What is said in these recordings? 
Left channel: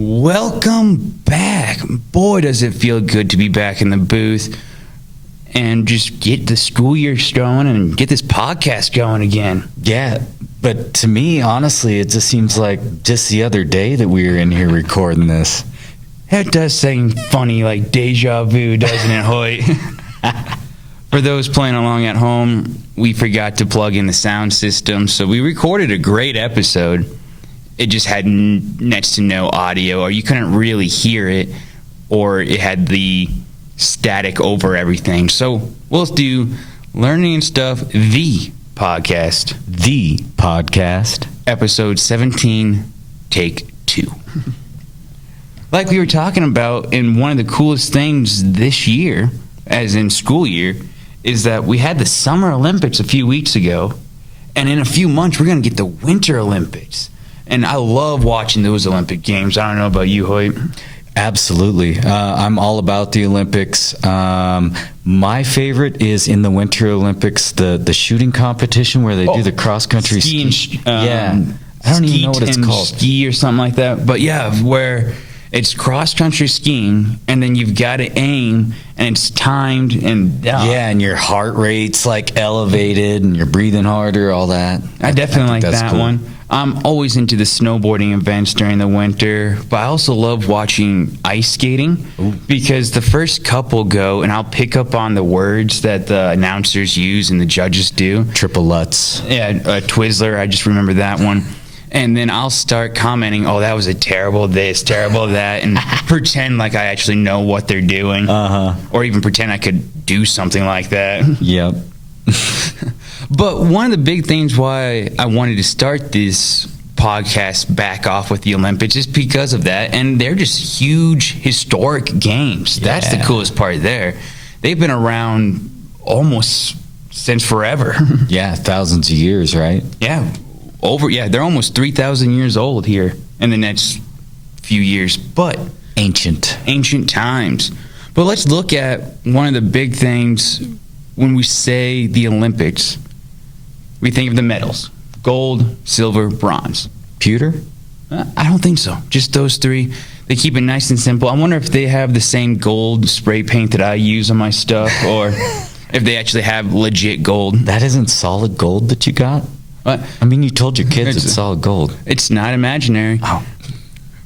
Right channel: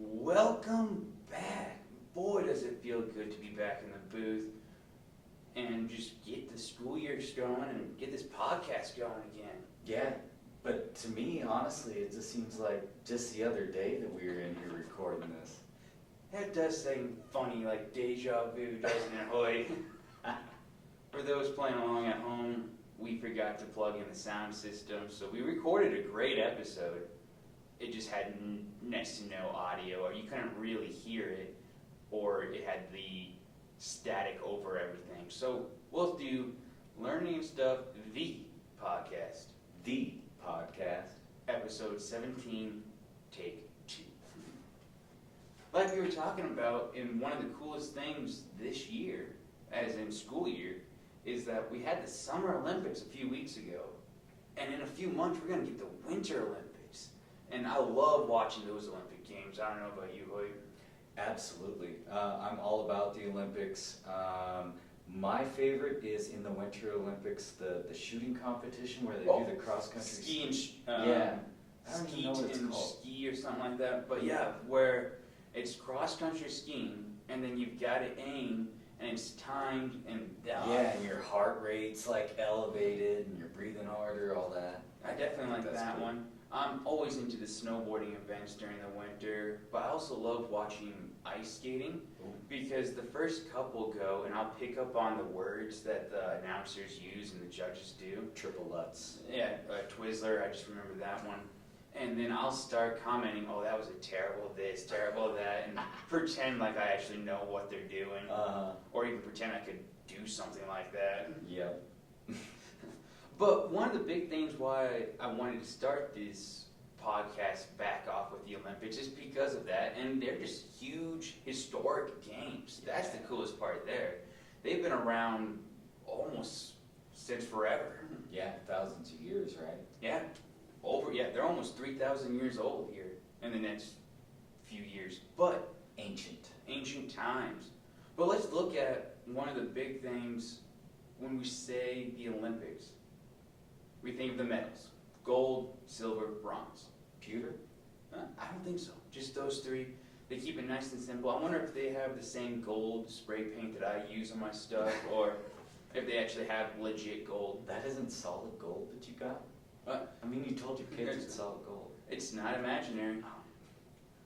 Welcome back. Boy, does it feel good to be back in the booth and just get the school year going and get this podcast going again. Yeah, but to me, honestly, it just seems like just the other day that we were in here recording this. That does seem funny, like deja vu, doesn't it, Hoyt? For those playing along at home, we forgot to plug in the sound system, so we recorded a great episode. It just had next to no audio, or you couldn't really hear it, or it had the static over everything. So we'll do Learning and Stuff, the podcast. The podcast. Episode 17, take 2. Like we were talking about, and one of the coolest things this year, as in school year, is that we had the Summer Olympics a few weeks ago, and in a few months we're going to get the Winter Olympics. And I love watching those Olympic Games. I don't know about you, Hoyt. Absolutely. I'm all about the Olympics. My favorite is in the Winter Olympics, the shooting competition where they do the cross-country ski. Yeah. I don't even know what it's called. Ski or something like that. But yeah, where it's cross-country skiing, and then you've got to aim, and it's timed. And and your heart rate's like elevated, and you're breathing harder, all that. I definitely like that cool. one. I'm always into the snowboarding events during the winter, but I also love watching ice skating. Ooh. Because the first couple go, and I'll pick up on the words that the announcers use and the judges do. Triple Lutz. Yeah, Twizzler, I just remember that one. And then I'll start commenting, oh, that was a terrible this, terrible that, and pretend like I actually know what they're doing. Or even pretend I could do something like that. Yep. But one of the big things why I wanted to start this podcast back off with the Olympics is because of that. And they're just huge historic games. Yeah. That's the coolest part there. They've been around almost since forever. Yeah, thousands of years, right? Yeah. They're almost 3,000 years old here in the next few years. But ancient times. But let's look at one of the big things when we say the Olympics. We think of the medals: gold, silver, bronze. Pewter? I don't think so. Just those three. They keep it nice and simple. I wonder if they have the same gold spray paint that I use on my stuff, or if they actually have legit gold. That isn't solid gold that you got? What? I mean, you told your kids it's solid gold. It's not imaginary. Oh.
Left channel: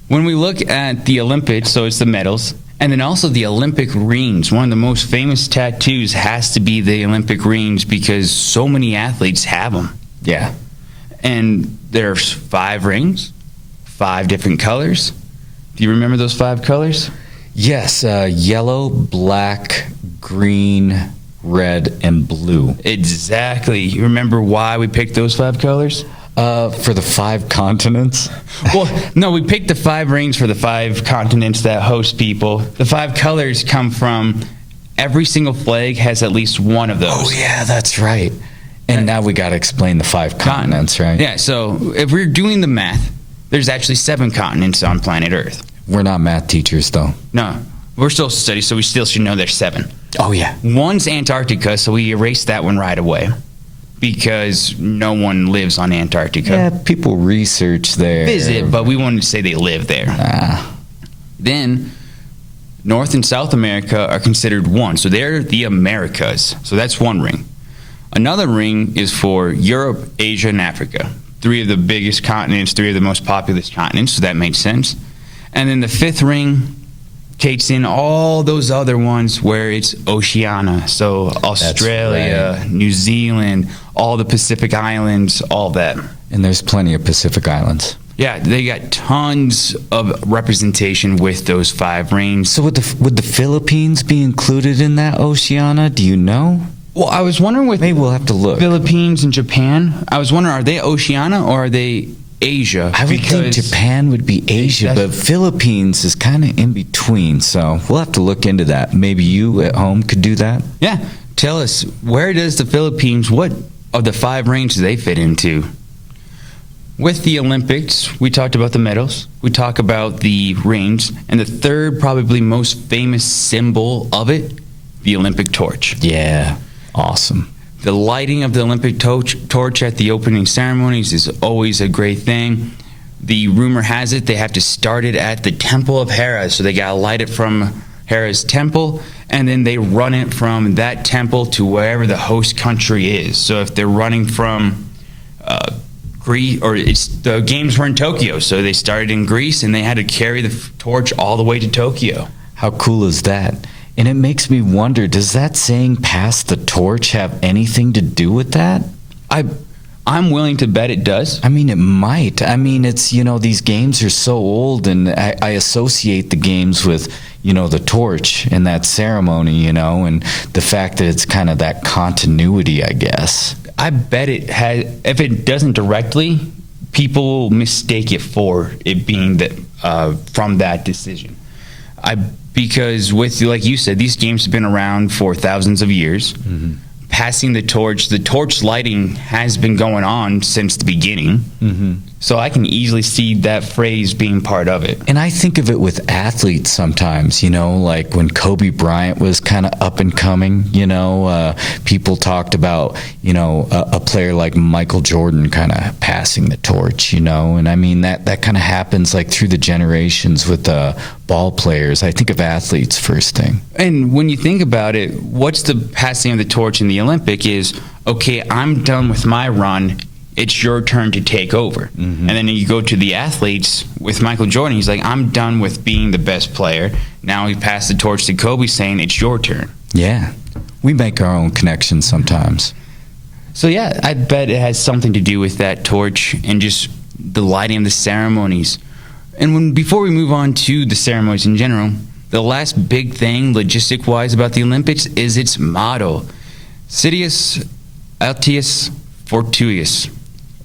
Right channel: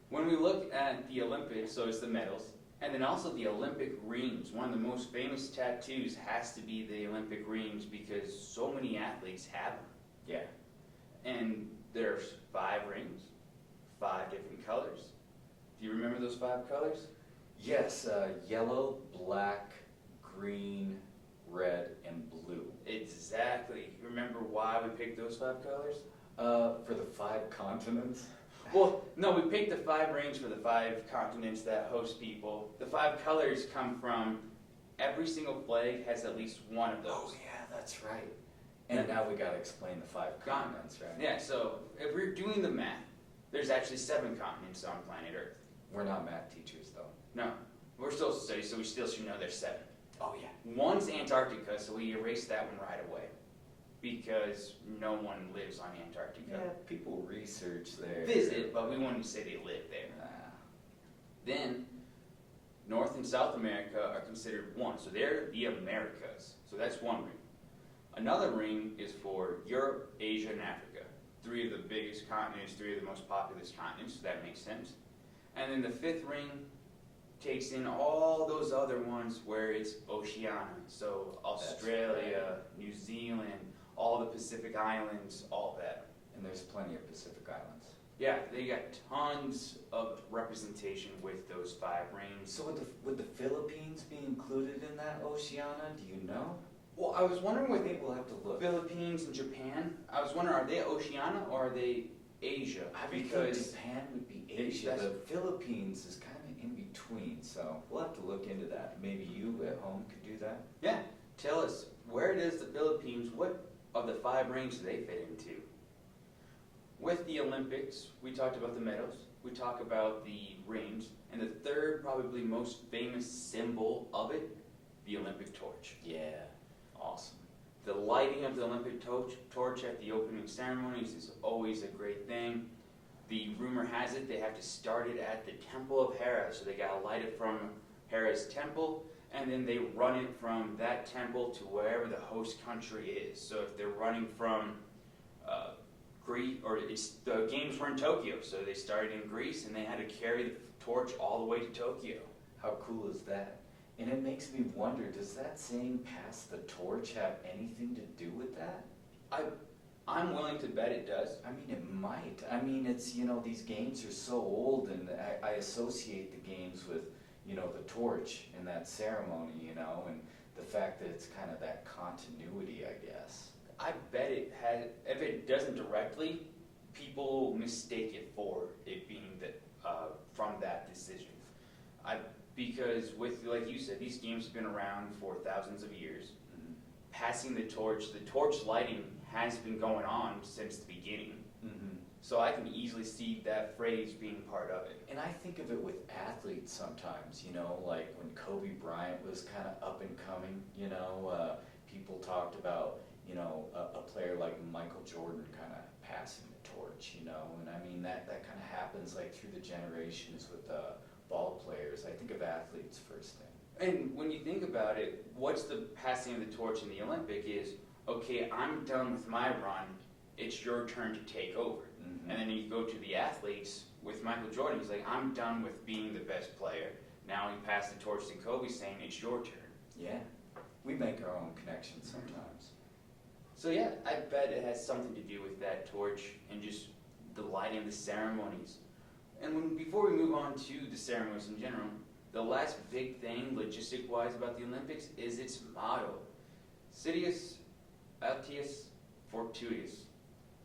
When we look at the Olympics, so it's the medals, and then also the Olympic rings. One of the most famous tattoos has to be the Olympic rings because so many athletes have them. Yeah. And there's 5 rings, 5 different colors. Do you remember those 5 colors? Yes, yellow, black, green, red, and blue. Exactly. You remember why we picked those 5 colors? For the 5 continents? Well, no, we picked the 5 rings for the 5 continents that host people. The 5 colors come from every single flag has at least one of those. Oh, yeah, that's right. And now we got to explain the 5 continents, right? Yeah, so if we're doing the math, there's actually 7 continents on planet Earth. We're not math teachers, though. No, we're social studies, so we still should know there's 7. Oh, yeah. One's Antarctica, so we erased that one right away because no one lives on Antarctica. Yeah, people research there. Visit, but we wanted to say they live there. Then North and South America are considered one, so they're the Americas. So that's one ring. Another ring is for Europe, Asia, and Africa. 3 of the biggest continents, 3 of the most populous continents, so that makes sense. And then the 5th ring takes in all those other ones where it's Oceania. So Australia, right. New Zealand, all the Pacific Islands, all that. And there's plenty of Pacific Islands. Yeah, they got tons of representation with those 5 rings. So would the Philippines be included in that Oceania? Do you know? Well, I was wondering with maybe we'll have to look. Philippines and Japan. I was wondering, are they Oceania or are they Asia? I would think Japan would be Asia, but Philippines is kind of in between, so we'll have to look into that. Maybe you at home could do that. Yeah. Tell us, where does the Philippines, what of the 5 rings do they fit into? With the Olympics, we talked about the medals, we talk about the rings, and the third probably most famous symbol of it, the Olympic torch. Yeah, awesome. The lighting of the Olympic torch at the opening ceremonies is always a great thing. the rumor has it they have to start it at the Temple of Hera. So they got to light it from Hera's temple, and then they run it from that temple to wherever the host country is. So if they're running from Greece, or the games were in Tokyo, so they started in Greece, and they had to carry the torch all the way to Tokyo. How cool is that? And it makes me wonder, does that saying "pass the torch" have anything to do with that? I'm willing to bet it does. I mean, it might. I mean, it's, these games are so old, and I associate the games with, the torch and that ceremony, and the fact that it's kind of that continuity, I guess. I bet it has. If it doesn't directly, people will mistake it for it being that from that decision. Because with, like you said, these games have been around for thousands of years. Mm-hmm. Passing the torch lighting has been going on since the beginning. Mm-hmm. So I can easily see that phrase being part of it. And I think of it with athletes sometimes, like when Kobe Bryant was kind of up and coming, people talked about, a player like Michael Jordan kind of passing the torch, and I mean, that kind of happens like through the generations with ball players. I think of athletes first thing. And when you think about it, what's the passing of the torch in the Olympic is, okay, I'm done with my run. It's your turn to take over. Mm-hmm. And then you go to the athletes with Michael Jordan. He's like, I'm done with being the best player. Now he passed the torch to Kobe, saying it's your turn. Yeah. We make our own connections sometimes. So, yeah, I bet it has something to do with that torch and just the lighting of the ceremonies. And before we move on to the ceremonies in general, the last big thing, logistic-wise, about the Olympics is its motto. Citius Altius Fortuus,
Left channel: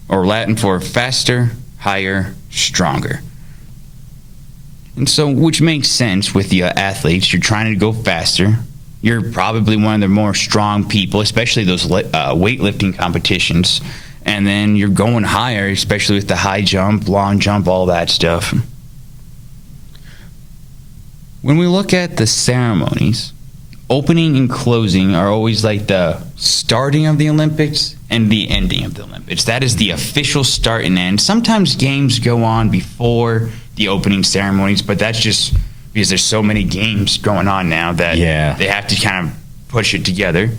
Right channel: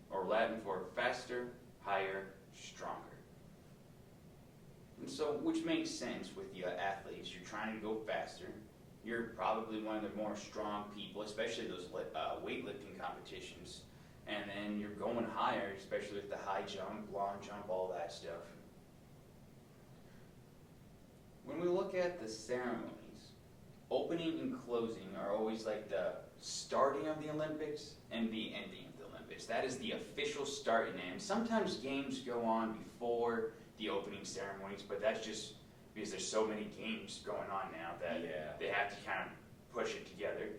or Latin for faster, higher, stronger. And so, which makes sense with the athletes. You're trying to go faster. You're probably one of the more strong people, especially those weightlifting competitions. And then you're going higher, especially with the high jump, long jump, all that stuff. When we look at the ceremonies, opening and closing are always like the starting of the Olympics and the ending of the Olympics. That is the official start and end. Sometimes games go on before the opening ceremonies, but that's just because there's so many games going on now that they have to kind of push it together.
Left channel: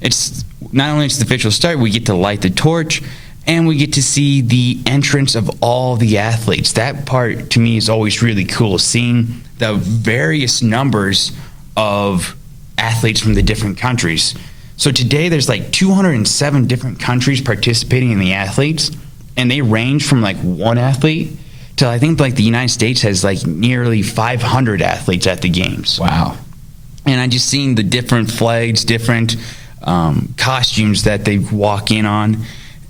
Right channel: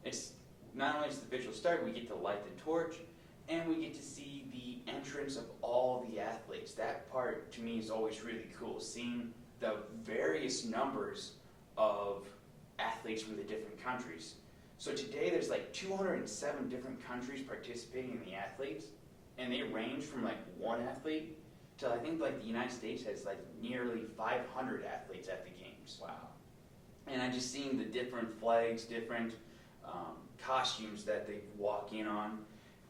It's not only it's the official start, we get to light the torch, and we get to see the entrance of all the athletes. That part, to me, is always really cool, seeing the various numbers of athletes from the different countries. So today there's like 207 different countries participating in the athletes, and they range from like one athlete to, I think, like the United States has like nearly 500 athletes at the games. Wow. And I just seen the different flags, different costumes that they walk in on.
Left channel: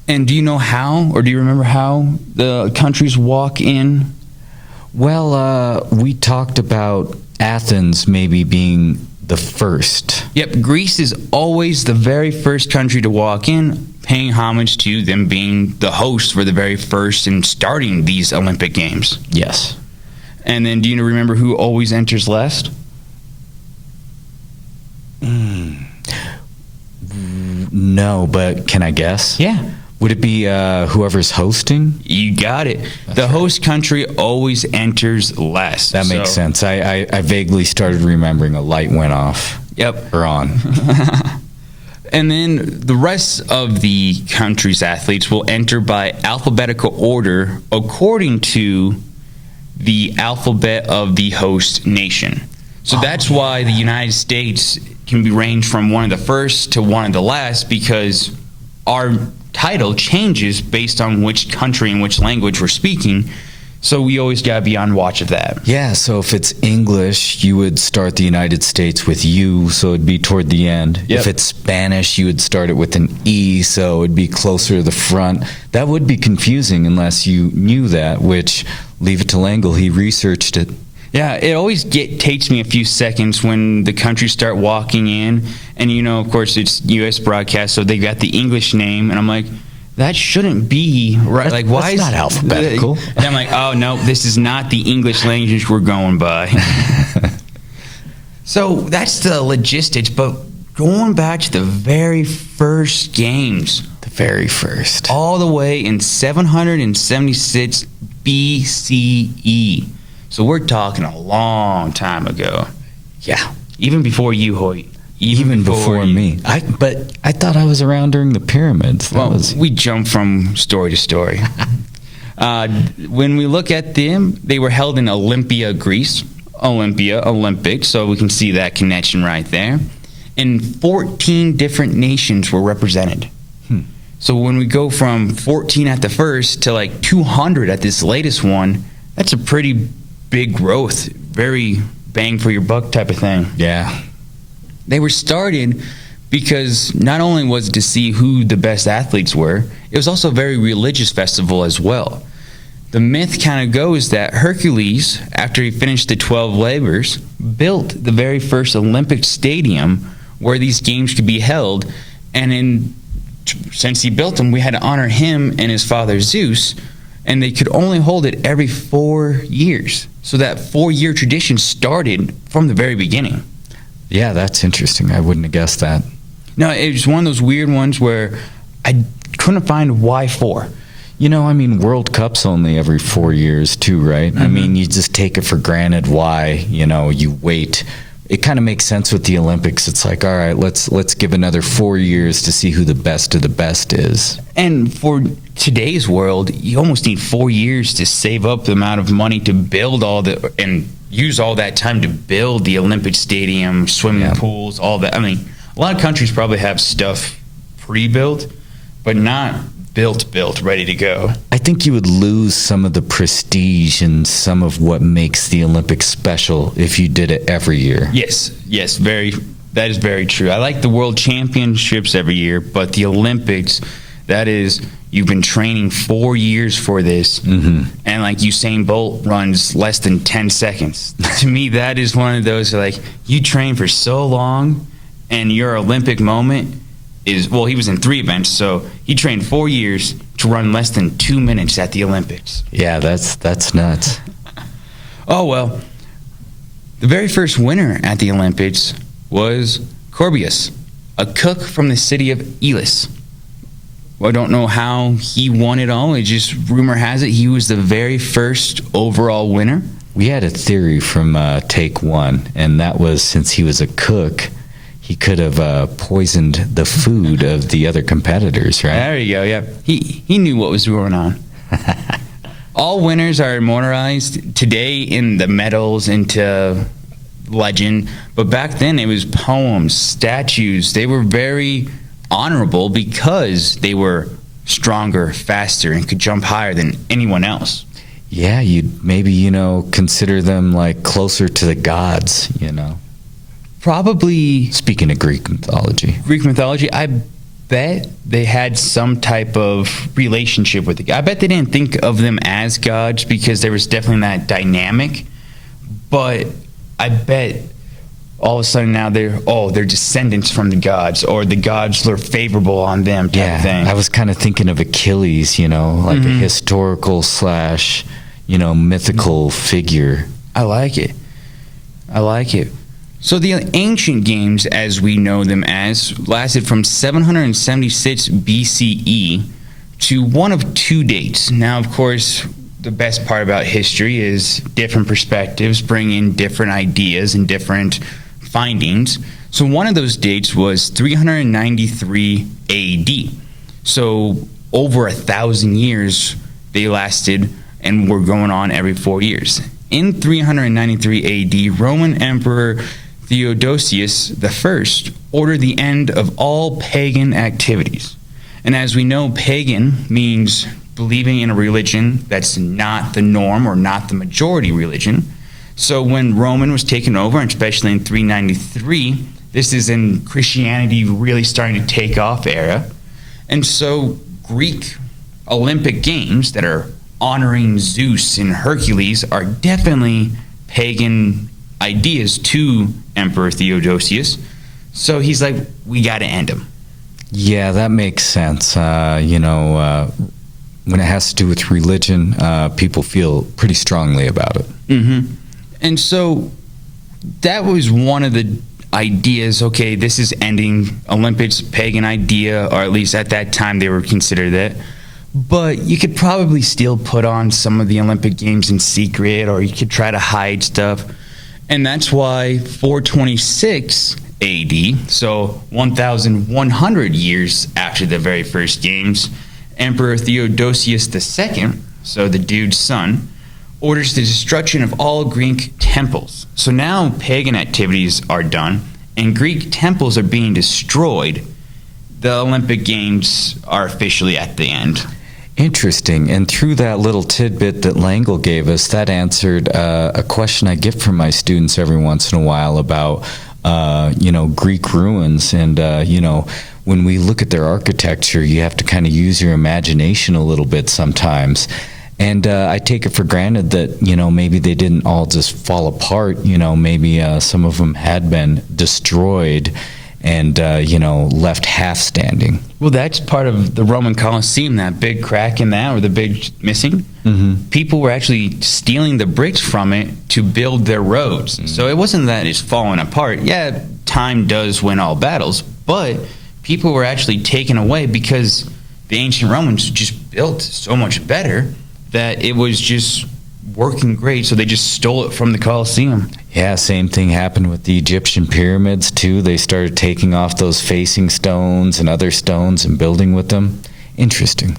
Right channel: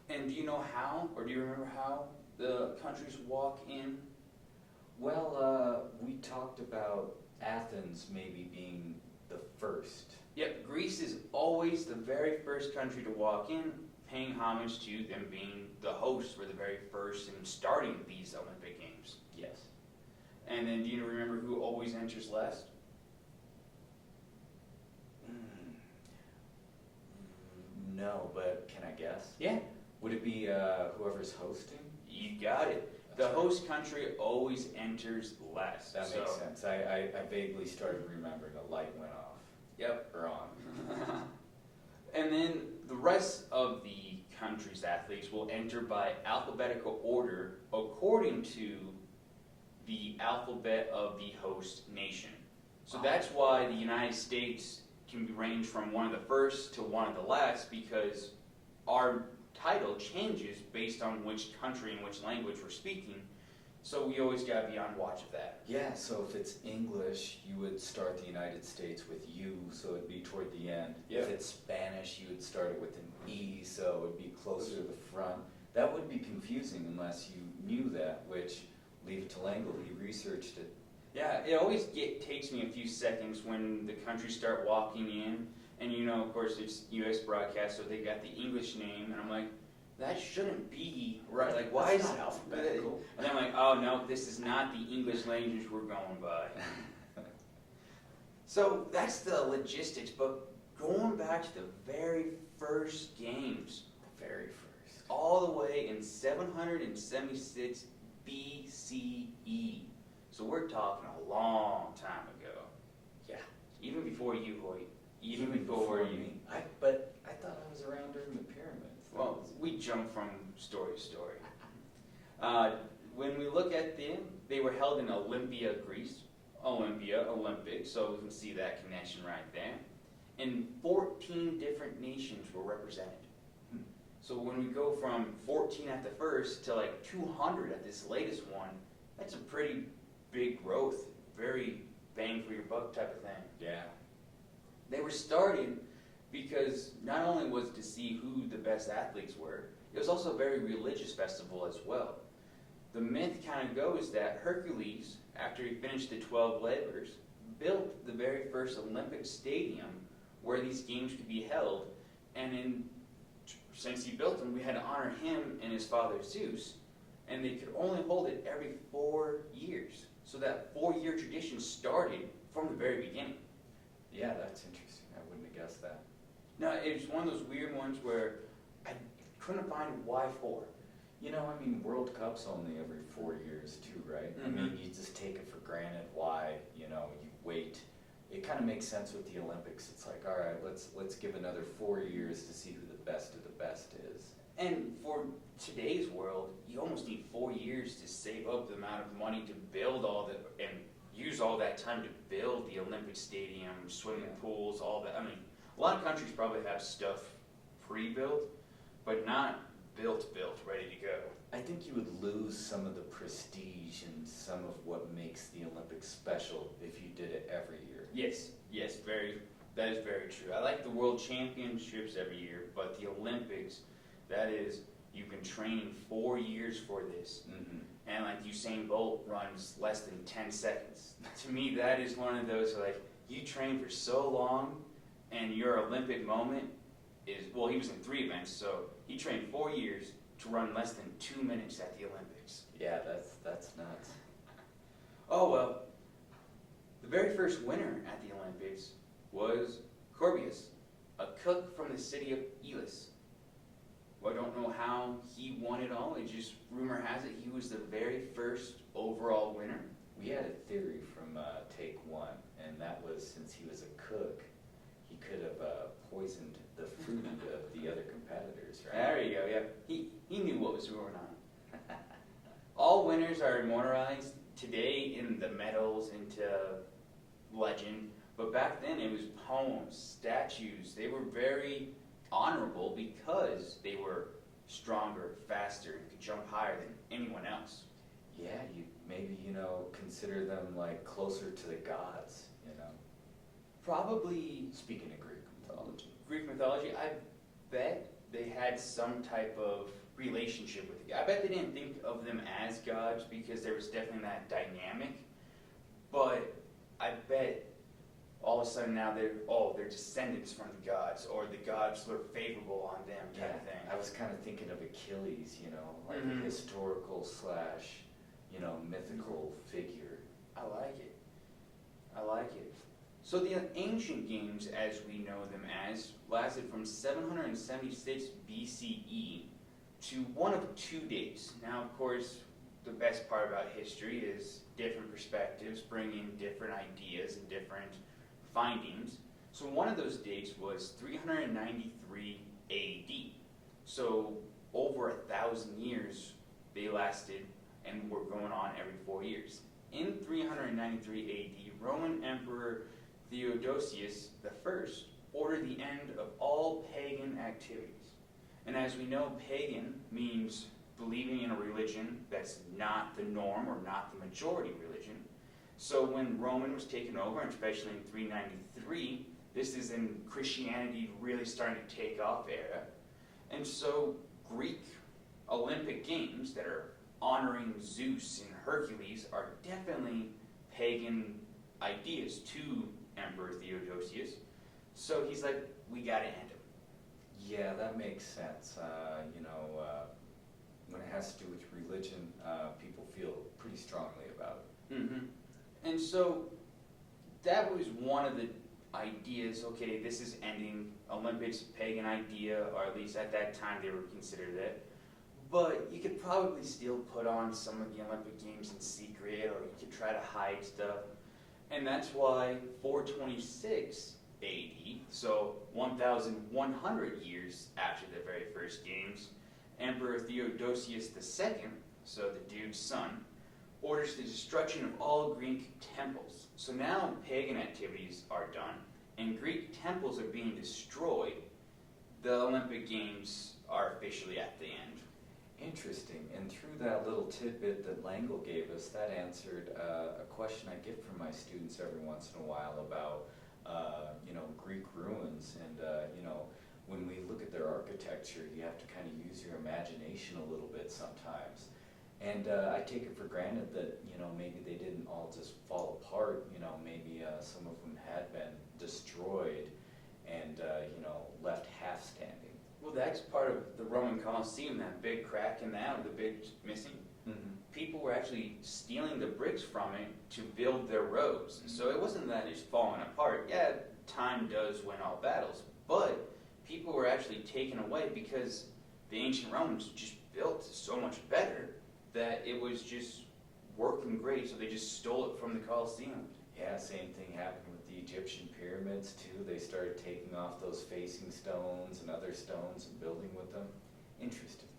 And do you know how, or do you remember how the countries walk in? Well, we talked about Athens maybe being the first. Yep, Greece is always the very first country to walk in, paying homage to them being the host for the very first and starting these Olympic Games. Yes. And then do you remember who always enters last? No, but can I guess? Yeah. Would it be whoever's hosting? You got it. The host country always enters last. That makes sense. I vaguely started remembering a light went off. Yep. Or on. And then the rest of the country's athletes will enter by alphabetical order according to the alphabet of the host nation. So that's why the United States can be ranged from one of the first to one of the last, because our title changes based on which country and which language we're speaking. So we always got to be on watch of that. Yeah, so if it's English, you would start the United States with U, so it'd be toward the end. Yep. If it's Spanish, you would start it with an E, so it'd be closer to the front. That would be confusing unless you knew that, which, leave it to Langle, he researched it. Yeah, it always takes me a few seconds when the countries start walking in. And, of course, it's U.S. broadcast, so they got the English name. And I'm like, that shouldn't be right. Like, why is not alphabetical? And I'm like, oh, no, this is not the English language we're going by. So that's the logistics. But going back to the very first games. The very first. All the way in 776 BCE. So we're talking a long time ago. Yeah. Even before you, Hoyt. Even before me. But I thought I was around during the pyramids. We jump from story to story. When we look at them, they were held in Olympia, Greece. Olympic, so we can see that connection right there. And 14 different nations were represented. So when we go from 14 at the first to like 200 at this latest one, that's a pretty big growth. Very bang for your buck type of thing. Yeah. They were started because not only was it to see who the best athletes were, it was also a very religious festival as well. The myth kind of goes that Hercules, after he finished the 12 labors, built the very first Olympic stadium where these games could be held. And since he built them, we had to honor him and his father Zeus, and they could only hold it every 4 years. So that 4-year tradition started from the very beginning. Yeah, that's interesting. I wouldn't have guessed that. No, it was one of those weird ones where I couldn't find why 4. World Cup's only every 4 years too, right? Mm-hmm. You just take it for granted why, you wait. It kind of makes sense with the Olympics. It's like, all right, let's give another 4 years to see who the best of the best is. And for today's world, you almost need 4 years to save up the amount of money to build and use all that time to build the Olympic stadium, swimming pools, all that. A lot of countries probably have stuff pre-built, but not built, ready to go. I think you would lose some of the prestige and some of what makes the Olympics special if you did it every year. Yes, that is very true. I like the World Championships every year, but the Olympics, that is, you've been training 4 years for this, and like Usain Bolt runs less than 10 seconds. To me, that is one of those, like, you train for so long, and your Olympic moment he was in 3 events, so he trained 4 years to run less than 2 minutes at the Olympics. Yeah, that's nuts. Oh, well, the very first winner at the Olympics was Corbius, a cook from the city of Elis. Well, I don't know how he won it all. It just, rumor has it, he was the very first overall winner. We had a theory from Take One, and that was since he was a cook, he could have poisoned the food of the other competitors, right? There you go, yeah. He knew what was going on. All winners are immortalized today in the medals into legend, but back then it was poems, statues. They were very honorable because they were stronger, faster, and could jump higher than anyone else. Yeah, you'd maybe, consider them like closer to the gods, Probably. Speaking of Greek mythology, I bet they had some type of relationship with the God. I bet they didn't think of them as gods because there was definitely that dynamic. But I bet all of a sudden now they're descendants from the gods, or the gods were favorable on them type of thing. I was kind of thinking of Achilles, like a historical / mythical figure. I like it. So the ancient games, as we know them as, lasted from 776 BCE to one of 2 dates. Now, of course, the best part about history is different perspectives bring in different ideas and different findings. So one of those dates was 393 AD. So over 1,000 years they lasted and were going on every 4 years. In 393 AD, Roman Emperor Theodosius I ordered the end of all pagan activities. And as we know, pagan means believing in a religion that's not the norm or not the majority religion. So when Roman was taken over, and especially in 393, this is in Christianity really starting to take off era. And so Greek Olympic Games that are honoring Zeus and Hercules are definitely pagan ideas to Emperor Theodosius. So he's like, we got to end them. Yeah, that makes sense. When it has to do with religion, people feel pretty strongly about it. Mm-hmm. And so that was one of the ideas. Okay, this is ending Olympics, pagan idea, or at least at that time they were considered that. but you could probably still put on some of the Olympic Games in secret, or you could try to hide stuff. And that's why 426 AD, so 1,100 years after the very first games, Emperor Theodosius II, so the dude's son, orders the destruction of all Greek temples. So now pagan activities are done, and Greek temples are being destroyed. The Olympic Games are officially at the end. Interesting. And through that little tidbit that Langle gave us, that answered a question I get from my students every once in a while about, Greek ruins. And, when we look at their architecture, you have to kind of use your imagination a little bit sometimes. And I take it for granted that, maybe they didn't all just fall apart. Maybe some of them had been destroyed and, left half standing. Well, that's part of the Roman Colosseum, that big crack in that, or the big missing. Mm-hmm. People were actually stealing the bricks from it to build their roads. Mm-hmm. So it wasn't that it's falling apart. Yeah, time does win all battles, but people were actually taken away because the ancient Romans just built so much better that it was just working great, so they just stole it from the Colosseum. Yeah, same thing happened with the Egyptian pyramids too. They started taking off those facing stones and other stones and building with them. Interesting.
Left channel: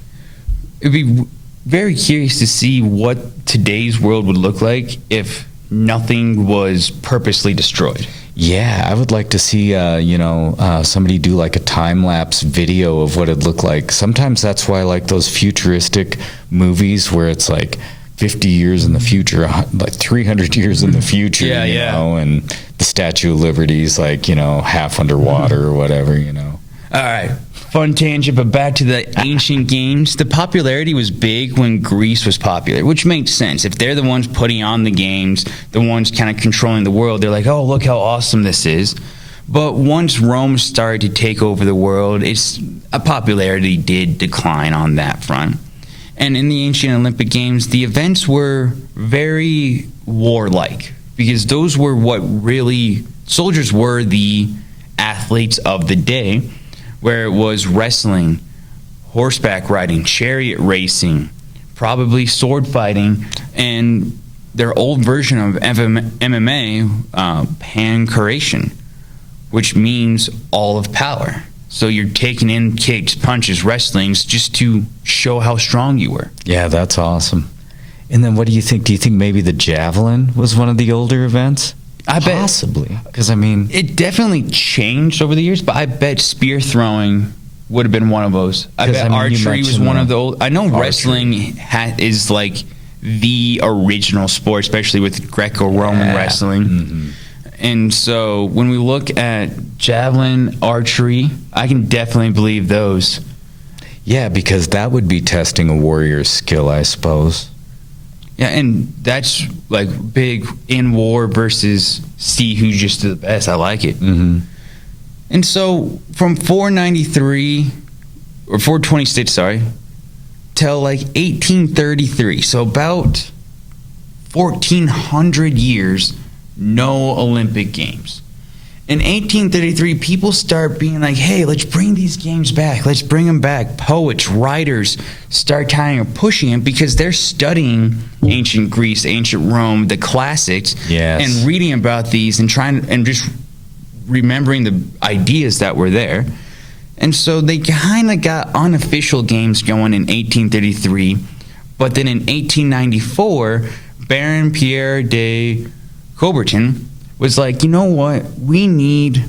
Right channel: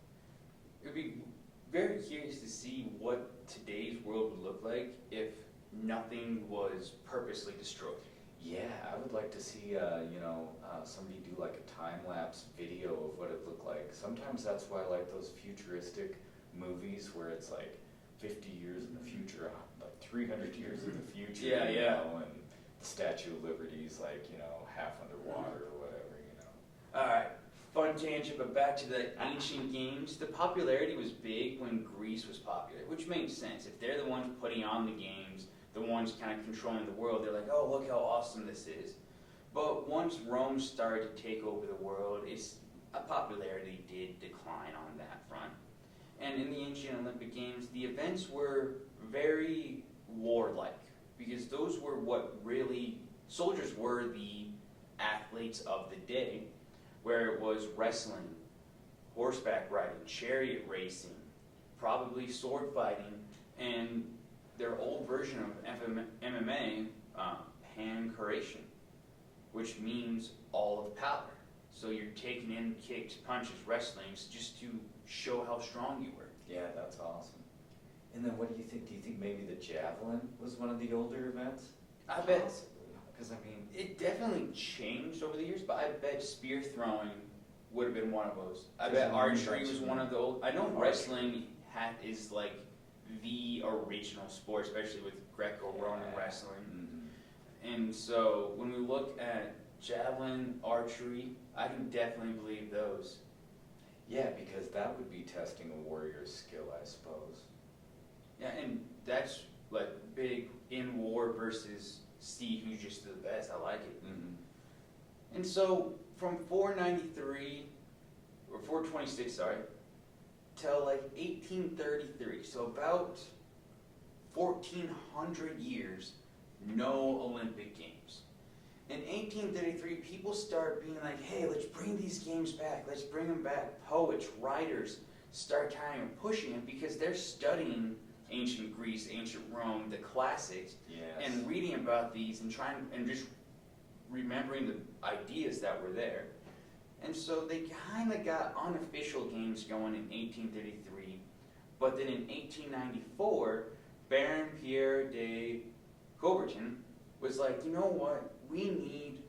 It'd be very curious to see what today's world would look like if nothing was purposely destroyed. Yeah, I would like to see, somebody do like a time-lapse video of what it'd look like. Sometimes that's why I like those futuristic movies where it's like 50 years in the future, like 300 years in the future, and the Statue of Liberty is like, half underwater or whatever, All right, fun tangent, but back to the ancient games. The popularity was big when Greece was popular, which makes sense. If they're the ones putting on the games, the ones kind of controlling the world, they're like, oh, look how awesome this is. But once Rome started to take over the world, popularity did decline on that front. And in the ancient Olympic Games, the events were very warlike, because those were what really, soldiers were the athletes of the day, where it was wrestling, horseback riding, chariot racing, probably sword fighting, and their old version of MMA, pancuration, which means all of power. So you're taking in kicks, punches, wrestlings, just to show how strong you were. Yeah, that's awesome. And then what do you think? Do you think maybe the javelin was one of the older events? I bet. Possibly. Because, it definitely changed over the years, but I bet spear throwing would have been one of those. I bet archery was one of the old. I know wrestling is like the original sport, especially with Greco-Roman wrestling. Mm-hmm. And so when we look at javelin, archery, I can definitely believe those. Yeah, because that would be testing a warrior's skill, I suppose. Yeah, and that's like big in war versus see who's just the best. I like it. Mm-hmm. And so from 493 or 426, till like 1833, so about 1,400 years, no Olympic Games. In 1833, people start being like, hey, let's bring these games back. Let's bring them back. Poets, writers start kind of pushing it because they're studying ancient Greece, ancient Rome, the classics, and reading about these and just remembering the ideas that were there. And so they kind of got unofficial games going in 1833. But then in 1894, Baron Pierre de Coubertin was like, you know what? We need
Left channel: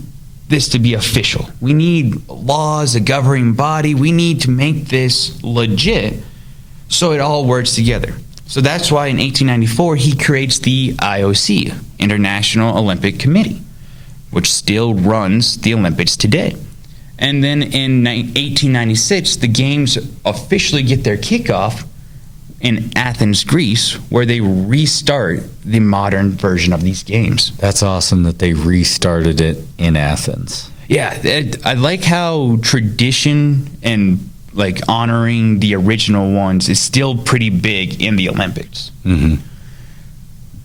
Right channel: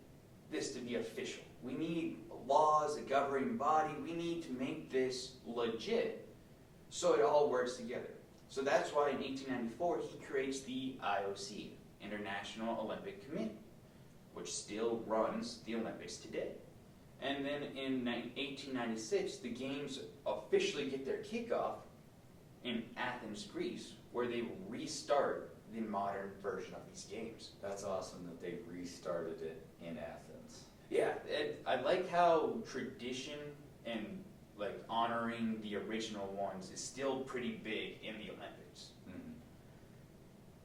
this to be official. We need laws, a governing body. We need to make this legit so it all works together. So that's why in 1894 he creates the IOC, International Olympic Committee, which still runs the Olympics today. And then in 1896, the games officially get their kickoff in Athens, Greece, where they restart the modern version of these games. That's awesome that they restarted it in Athens. Yeah, I like how tradition and like honoring the original ones is still pretty big in the Olympics. Mm-hmm.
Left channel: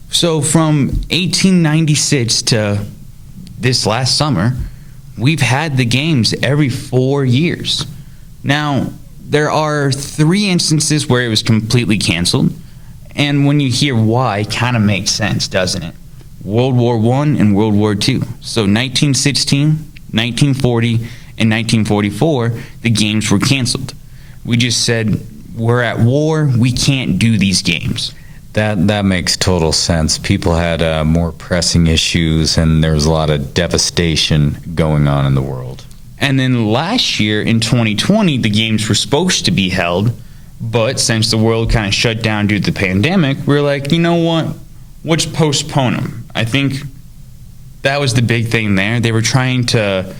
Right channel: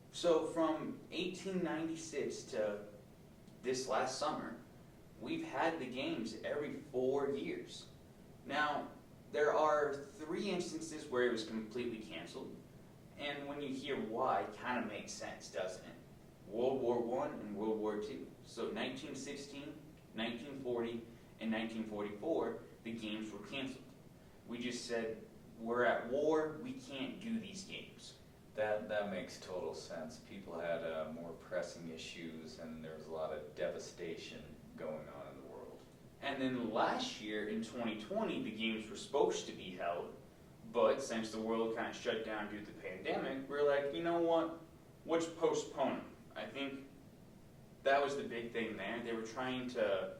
So from 1896 to this last summer, we've had the games every 4 years. Now, there are 3 instances where it was completely canceled. And when you hear why, it kind of makes sense, doesn't it? World War I and World War II. So 1916, 1940, and 1944, the games were canceled. We just said, we're at war, we can't do these games. That makes total sense. People had more pressing issues, and there was a lot of devastation going on in the world. And then last year, in 2020, the games were supposed to be held, but since the world kind of shut down due to the pandemic, we were like, you know what? Let's postpone them. I think that was the big thing there. They were trying to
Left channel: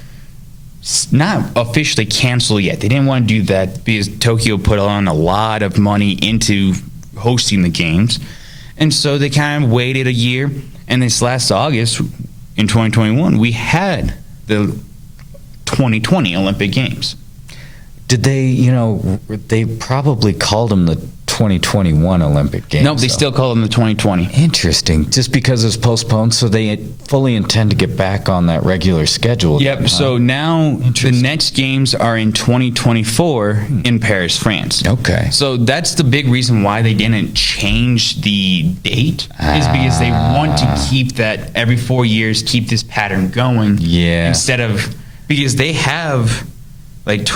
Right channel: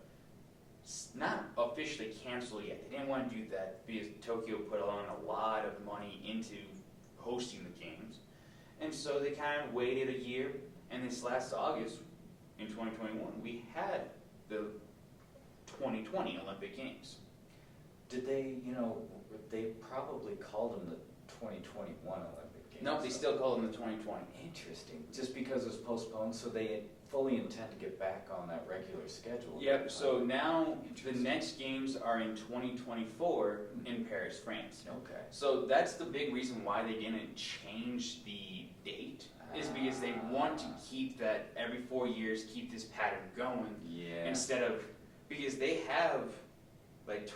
not officially cancel yet. They didn't want to do that because Tokyo put on a lot of money into hosting the games. And so they kind of waited a year. And this last August, in 2021, we had the 2020 Olympic Games. Did they, they probably called them the 2021 Olympic Games. No, they still call them the 2020. Interesting. Just because it's postponed, so they fully intend to get back on that regular schedule. Yep. So now the next games are in 2024 in Paris, France. Okay. So that's the big reason why they didn't change the date, is because they want to keep that every 4 years, keep this pattern going. Yeah. Instead of, because they have like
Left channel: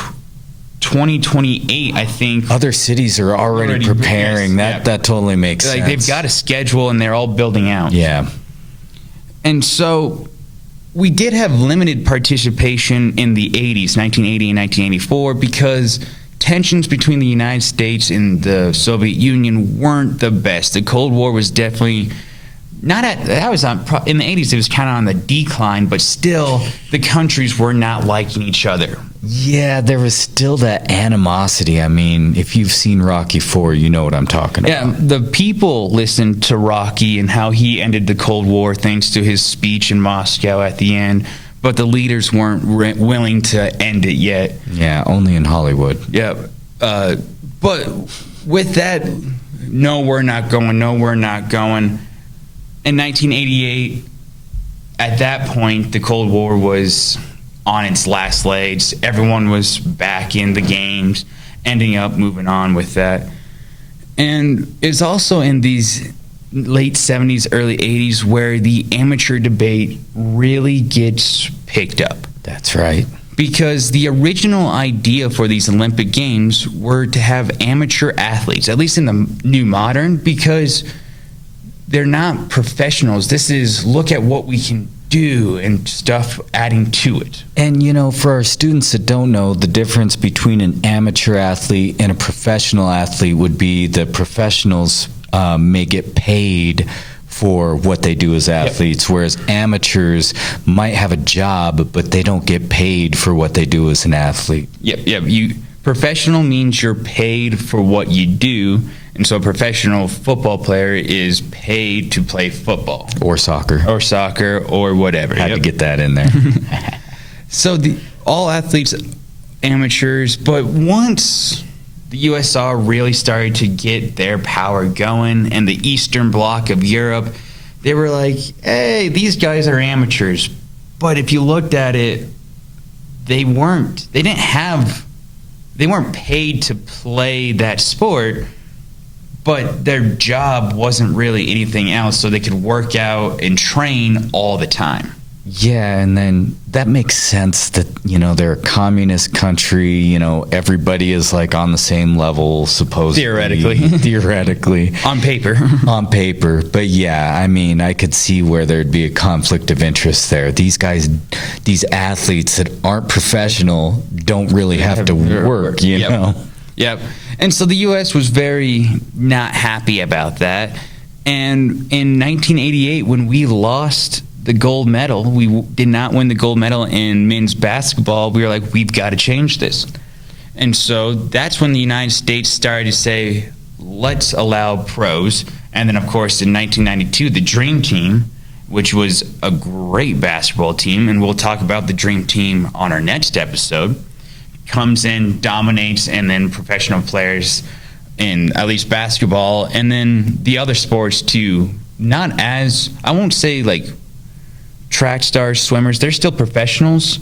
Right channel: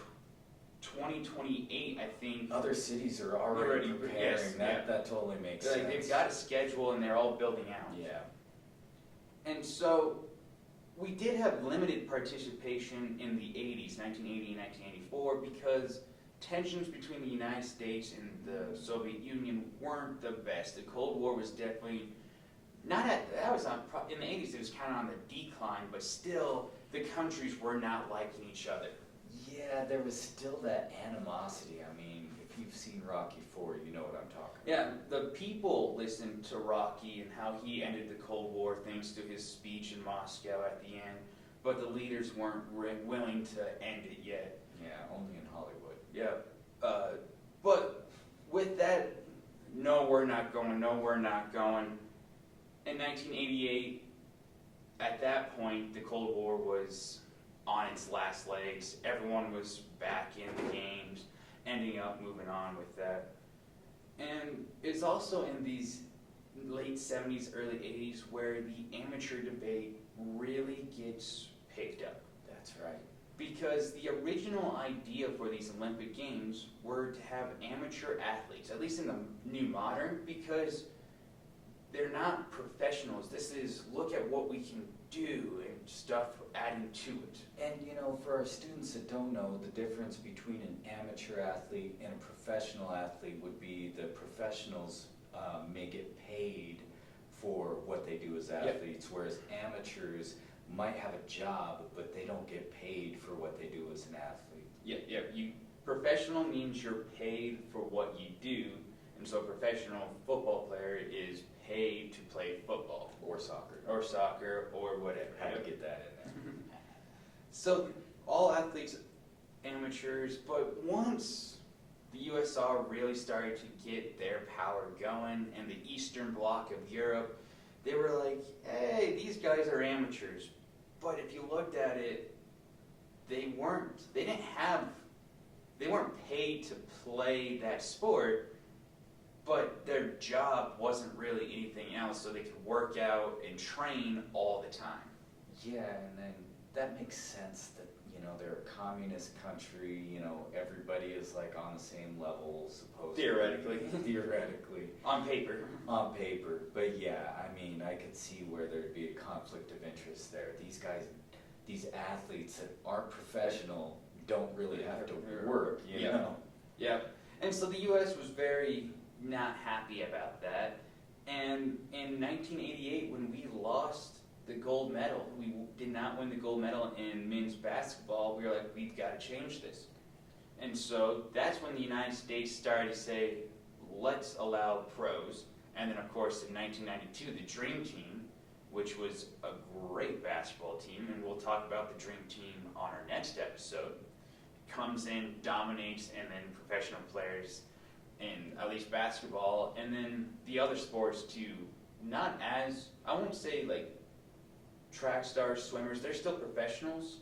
2028, I think. Other cities are already preparing. Yes, that totally makes sense. They've got a schedule and they're all building out. Yeah. And so we did have limited participation in the 80s, 1980 and 1984, because tensions between the United States and the Soviet Union weren't the best. The Cold War was definitely in the 80s, it was kind of on the decline, but still the countries were not liking each other. Yeah, there was still that animosity. I mean, if you've seen Rocky IV, you know what I'm talking about. Yeah, the people listened to Rocky and how he ended the Cold War thanks to his speech in Moscow at the end, but the leaders weren't willing to end it yet. Yeah, only in Hollywood. Yeah, but with that, no, we're not going. In 1988, at that point, the Cold War was on its last legs. Everyone was back in the games, ending up moving on with that. And it's also in these late 70s, early 80s where the amateur debate really gets picked up. That's right. Because the original idea for these Olympic Games were to have amateur athletes, at least in the new modern, because they're not professionals. This is look at what we can do and stuff adding to it. And, for our students that don't know, the difference between an amateur athlete and a professional athlete would be the professionals may get paid for what they do as athletes, whereas amateurs might have a job, but they don't get paid for what they do as an athlete. Yep. Professional means you're paid for what you do. And so a professional football player is paid to play football. Or soccer. Or whatever. Had to get that in there. So all athletes, amateurs, but once the USSR really started to get their power going and the Eastern Bloc of Europe, they were like, hey, these guys are amateurs. But if you looked at it, they weren't paid to play that sport. But their job wasn't really anything else, so they could work out and train all the time. Yeah, and then that makes sense that, they're a communist country, everybody is like on the same level, supposedly. Theoretically. On paper. But yeah, I mean, I could see where there'd be a conflict of interest there. These guys, these athletes that aren't professional don't really have to work, you know? Yep. And so the U.S. was very not happy about that. And in 1988, when we lost the gold medal, we did not win the gold medal in men's basketball, we were like, we've got to change this. And so that's when the United States started to say, let's allow pros. And then, of course, in 1992, the Dream Team, which was a great basketball team, and we'll talk about the Dream Team on our next episode, comes in, dominates, and then professional players in at least basketball, and then the other sports too, not as, I won't say like track stars, swimmers, they're still professionals,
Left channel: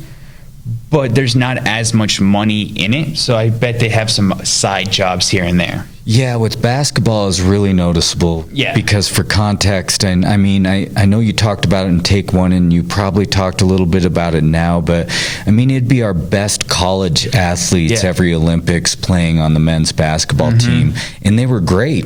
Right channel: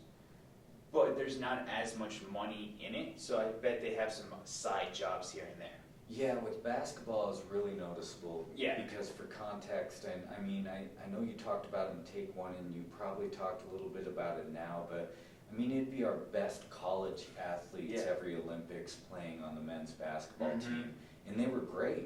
but there's not as much money in it. So I bet they have some side jobs here and there. Yeah, with basketball is really noticeable. Yeah. Because for context, and I mean, I know you talked about it in Take One, and you probably talked a little bit about it now, but I mean, it'd be our best college athletes every Olympics playing on the men's basketball team, and they were great.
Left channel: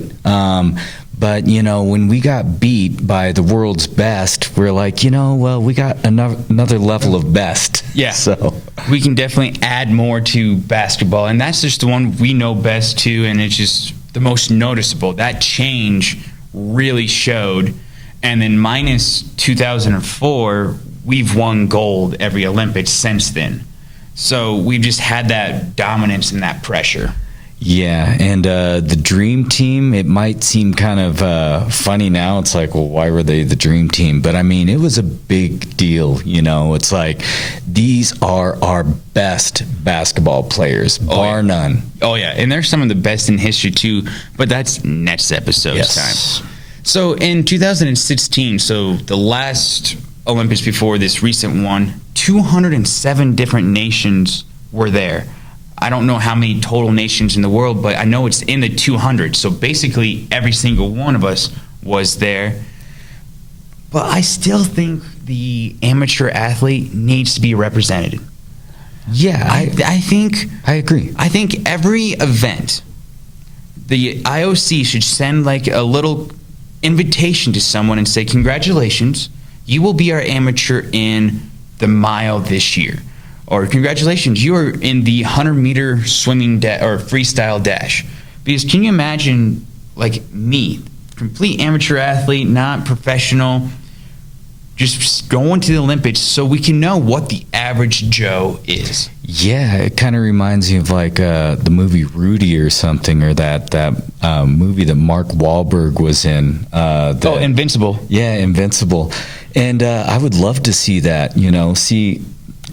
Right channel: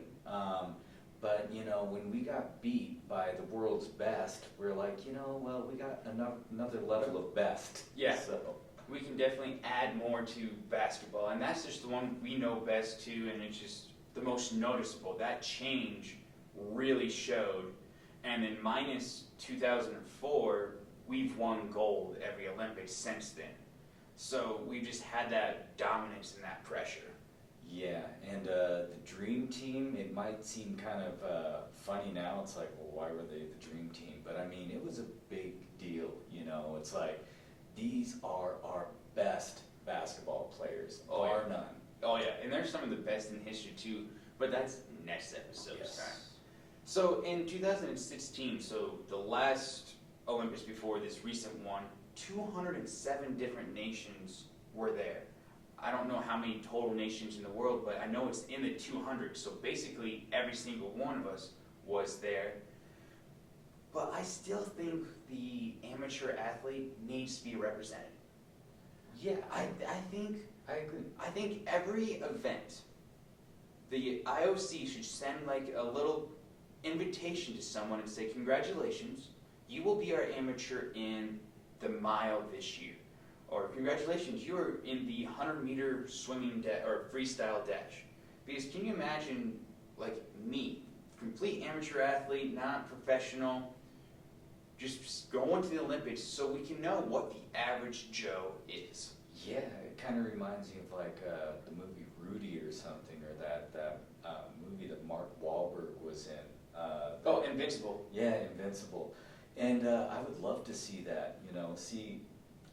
But, you know, when we got beat by the world's best, we're like, you know, well, we got another level of best. Yeah. So we can definitely add more to basketball. And that's just the one we know best, too. And it's just the most noticeable. That change really showed. And then minus 2004, we've won gold every Olympics since then. So we've just had that dominance and that pressure. Yeah, and the Dream Team, it might seem kind of funny now. It's like, well, why were they the Dream Team? But, I mean, it was a big deal, you know. It's like, these are our best basketball players, bar none. Oh, yeah, and they're some of the best in history, too. But that's next episode's time. So, in 2016, so the last Olympics before this recent one, 207 different nations were there. I don't know how many total nations in the world, but I know it's in the 200. So basically, every single one of us was there. But I still think the amateur athlete needs to be represented. Yeah, I think I agree. I think every event, the IOC should send like a little invitation to someone and say, "Congratulations, you will be our amateur in the mile this year." Or congratulations, you are in the 100-meter swimming or freestyle dash. Because can you imagine, like me, complete amateur athlete, not professional, just going to the Olympics so we can know what the average Joe is? Yeah, it kind of reminds me of like the movie Rudy or something, or that movie that Mark Wahlberg was in. Invincible. Yeah, Invincible. And I would love to see that, you know,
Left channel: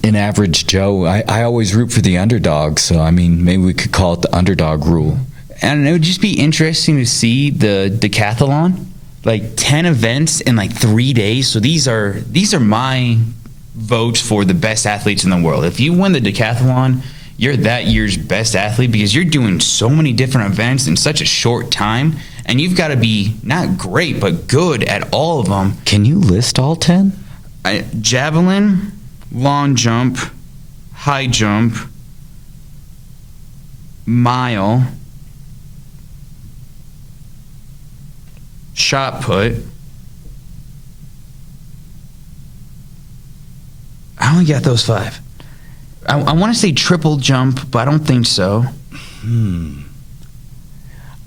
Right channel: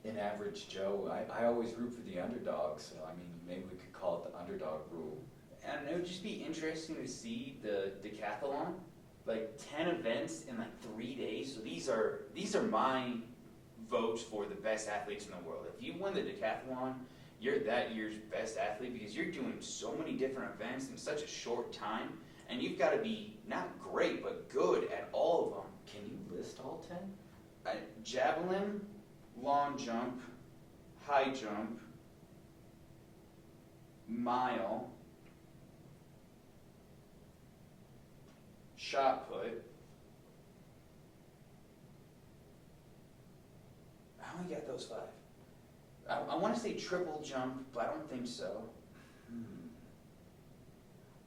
an average Joe. I always root for the underdog, so I mean, maybe we could call it the underdog rule. And it would just be interesting to see the decathlon, like 10 events in like 3 days. So these are my votes for the best athletes in the world. If you win the decathlon, you're that year's best athlete because you're doing so many different events in such a short time, and you've got to be not great but good at all of them. Can you list all 10? Javelin, long jump, high jump, mile, shot put. I only got those 5. I want to say triple jump, but I don't think so.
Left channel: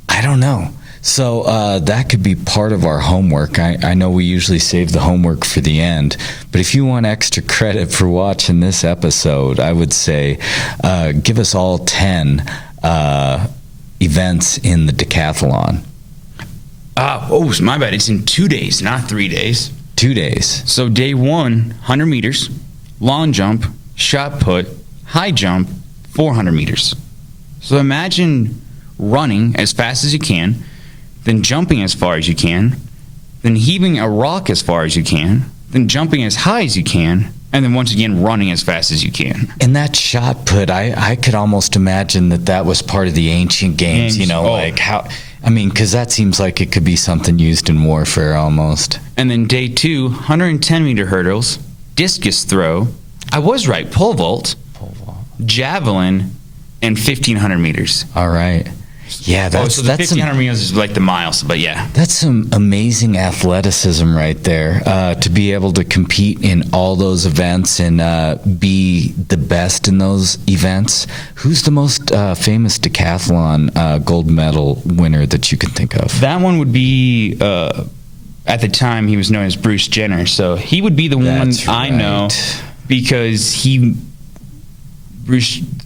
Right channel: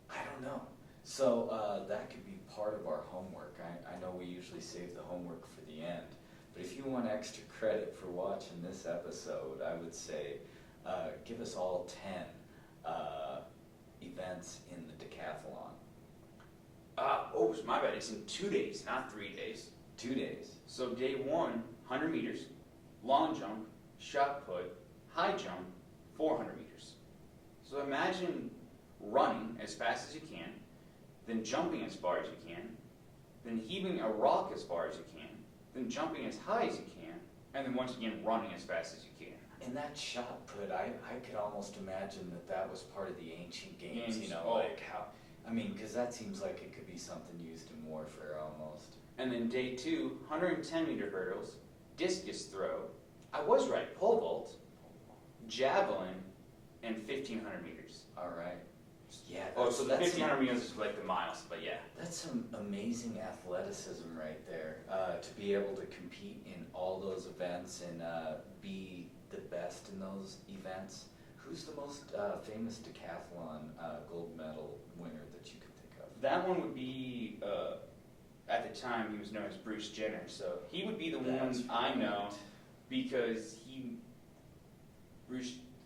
I don't know. So that could be part of our homework. I know we usually save the homework for the end, but if you want extra credit for watching this episode, I would say give us all 10 events in the decathlon. My bad. It's in 2 days, not 3 days. 2 days. So day 1, 100 meters, long jump, shot put, high jump, 400 meters. So imagine running as fast as you can, then jumping as far as you can, then heaving a rock as far as you can, then jumping as high as you can, and then once again running as fast as you can. And that shot put, I could almost imagine that was part of the ancient games, you know, like how, I mean, because that seems like it could be something used in warfare almost. And then day 2, 110-meter hurdles, discus throw, I was right, pole vault, javelin, and 1,500 meters. All right. Yeah, so the 1,500 meters is like the miles, but yeah. That's some amazing athleticism right there, to be able to compete in all those events and be the best in those events. Who's the most famous decathlon gold medal winner that you can think of? That one would be, at the time, he was known as Bruce Jenner, so he would be the one I know because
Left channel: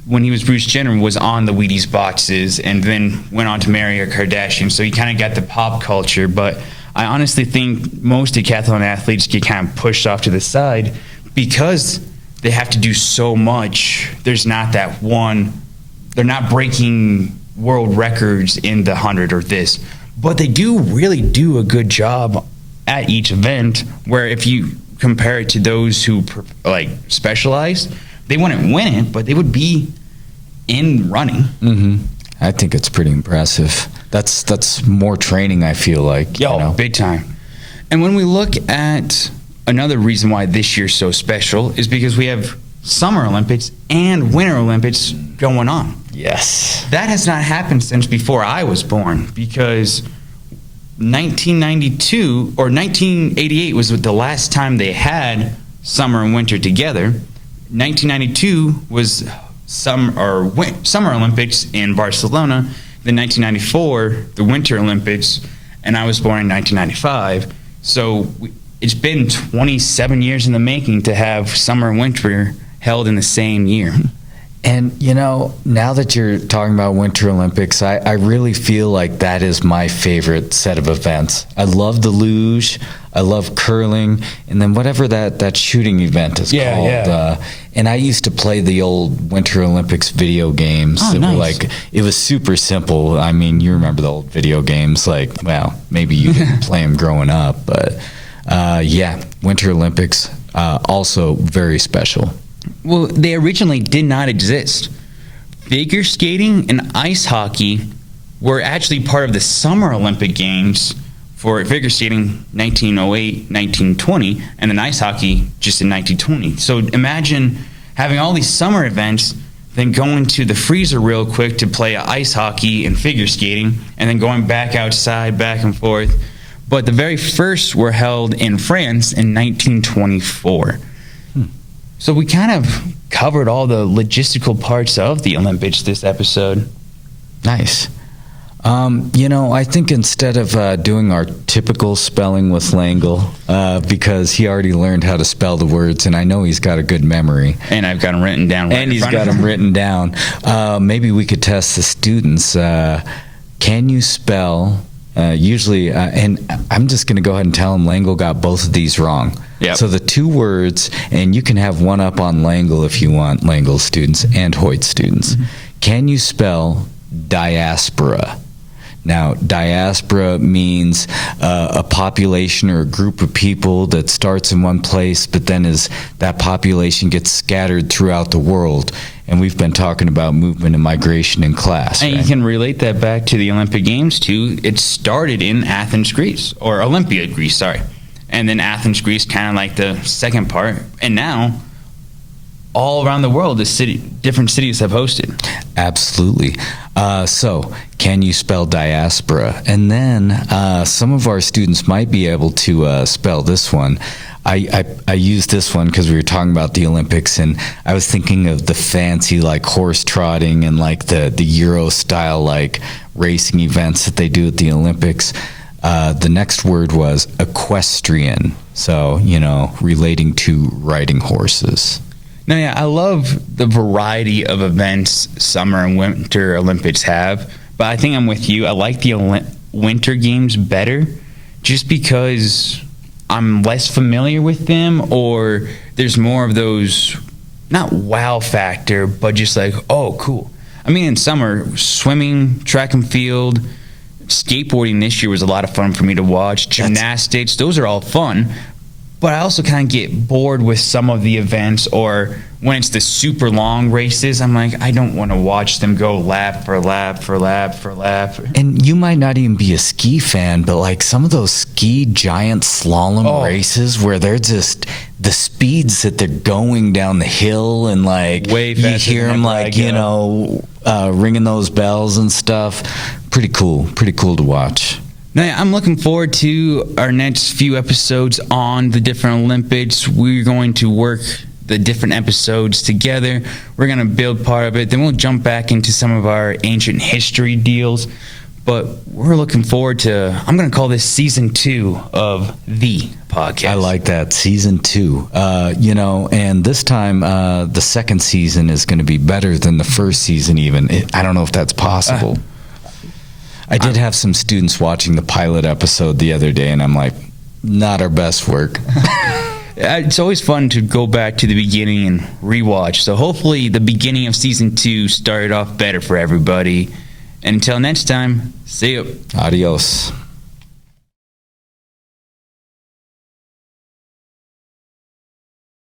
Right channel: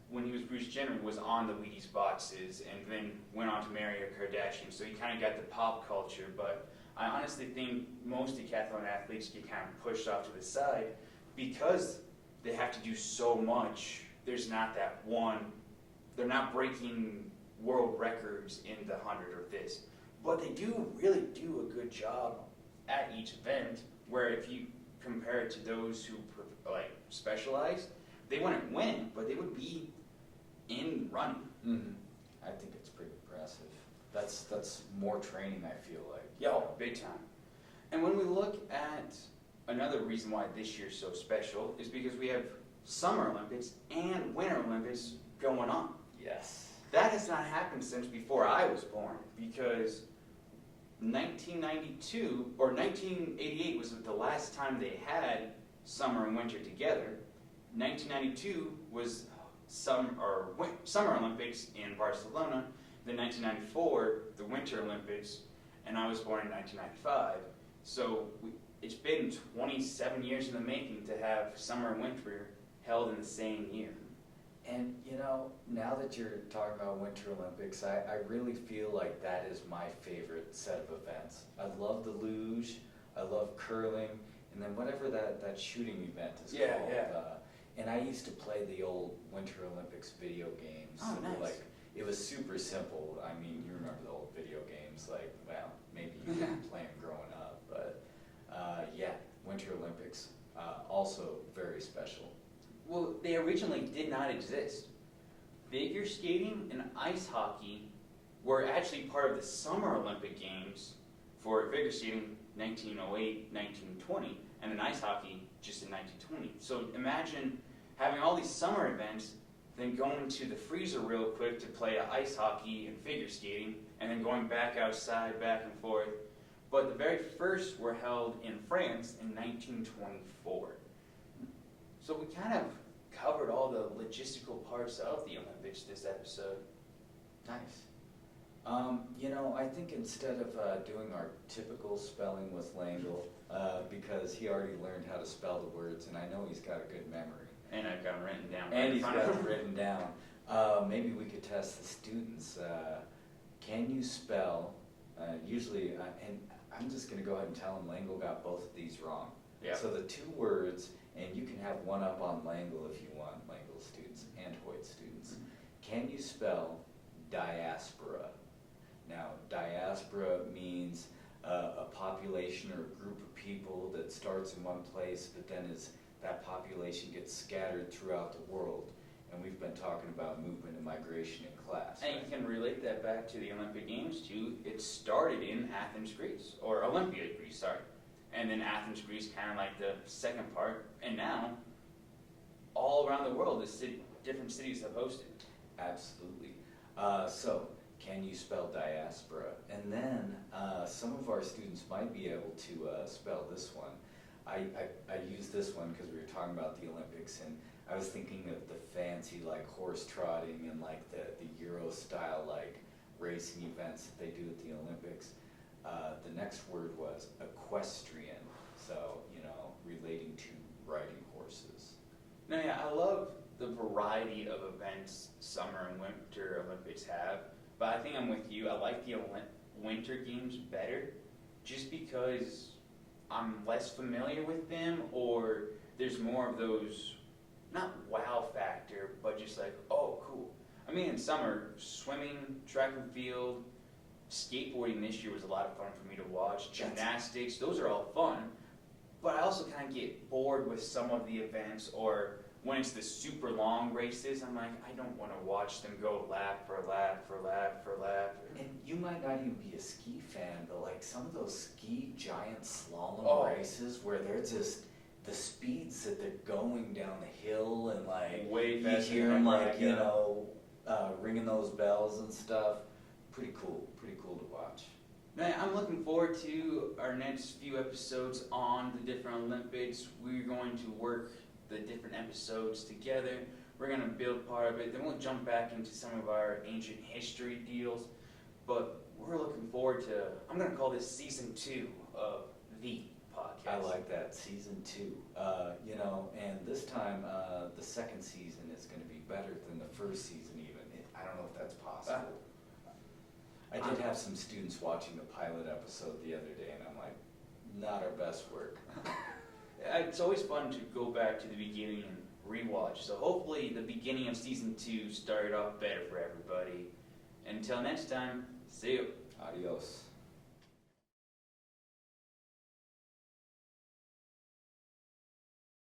when he was Bruce Jenner, was on the Wheaties boxes and then went on to marry a Kardashian. So he kind of got the pop culture. But I honestly think most decathlon athletes get kind of pushed off to the side because they have to do so much. There's not that one. They're not breaking world records in the 100 or this. But they do really do a good job at each event, where if you compare it to those who like specialize, they wouldn't win it, but they would be in running. Mm-hmm. I think it's pretty impressive. That's more training, I feel like. Big time. And when we look at another reason why this year's so special is because we have Summer Olympics and Winter Olympics going on. Yes. That has not happened since before I was born, because 1992 or 1988 was the last time they had summer and winter together. 1992 was Summer Olympics in Barcelona. Then 1994, the Winter Olympics, and I was born in 1995. So it's been 27 years in the making to have summer and winter held in the same year. And, now that you're talking about Winter Olympics, I really feel like that is my favorite set of events. I love the luge, I love curling, and then whatever that shooting event is called. Yeah. And I used to play the old Winter Olympics video games. Oh, nice. It was super simple. I mean, you remember the old video games, maybe you didn't play them growing up, but Winter Olympics, also very special. Well, they originally did not exist. Figure skating and ice hockey were actually part of the Summer Olympic Games for figure skating 1908, 1920, and then ice hockey just in 1920. So imagine having all these summer events, then going to the freezer real quick to play ice hockey and figure skating, and then going back outside, back and forth. But the very first were held in France in 1924. So we kind of covered all the logistical parts of the Olympics this episode. Nice. I think instead of doing our typical spelling with Langle, because he already learned how to spell the words, and I know he's got a good memory. And I've got them written down. And he's got them written down. Maybe we could test the students. Can you spell... usually, and I'm just going to go ahead and tell him Langle got both of these wrong. Yep. So the two words, and you can have one up on Langle if you want, Langle students and Hoyt students. Mm-hmm. Can you spell diaspora? Now, diaspora means a population or a group of people that starts in one place, but then as that population gets scattered throughout the world. And we've been talking about movement and migration in class. And right? you can relate that back to the Olympic Games, too. It started in Athens, Greece, or Olympia, Greece, sorry. And then Athens, Greece, kind of like the second part. And now, all around the world, different cities have hosted. Absolutely. So, can you spell diaspora? And then some of our students might be able to spell this one. I used this one because we were talking about the Olympics, and I was thinking of the fancy horse trotting and the Euro style racing events that they do at the Olympics. The next word was equestrian, so relating to riding horses. No, yeah, I love the variety of events Summer and Winter Olympics have, but I think I'm with you. I like the Winter Games better just because I'm less familiar with them, or there's more of those, not wow factor, but just oh, cool. I mean, in summer, swimming, track and field, skateboarding this year was a lot of fun for me to watch. Gymnastics, those are all fun. But I also kind of get bored with some of the events, or when it's the super long races, I'm I don't want to watch them go lap for lap for lap for lap. And you might not even be a ski fan, but some of those ski giant slalom races where they're just the speeds that they're going down the hill and way you hear them ringing those bells and stuff. Pretty cool to watch. Now, I'm looking forward to our next few episodes on the different Olympics. We're going to work the different episodes together. We're going to build part of it. Then we'll jump back into some of our ancient history deals. But we're looking forward to, I'm going to call this Season 2 of the podcast. I like that, Season 2. And this time, the second season is going to be better than the first season even. I don't know if that's possible. I did have some students watching the pilot episode the other day, and I'm not our best work. It's always fun to go back to the beginning and rewatch. So hopefully the beginning of Season 2 started off better for everybody. And until next time, see you. Adios.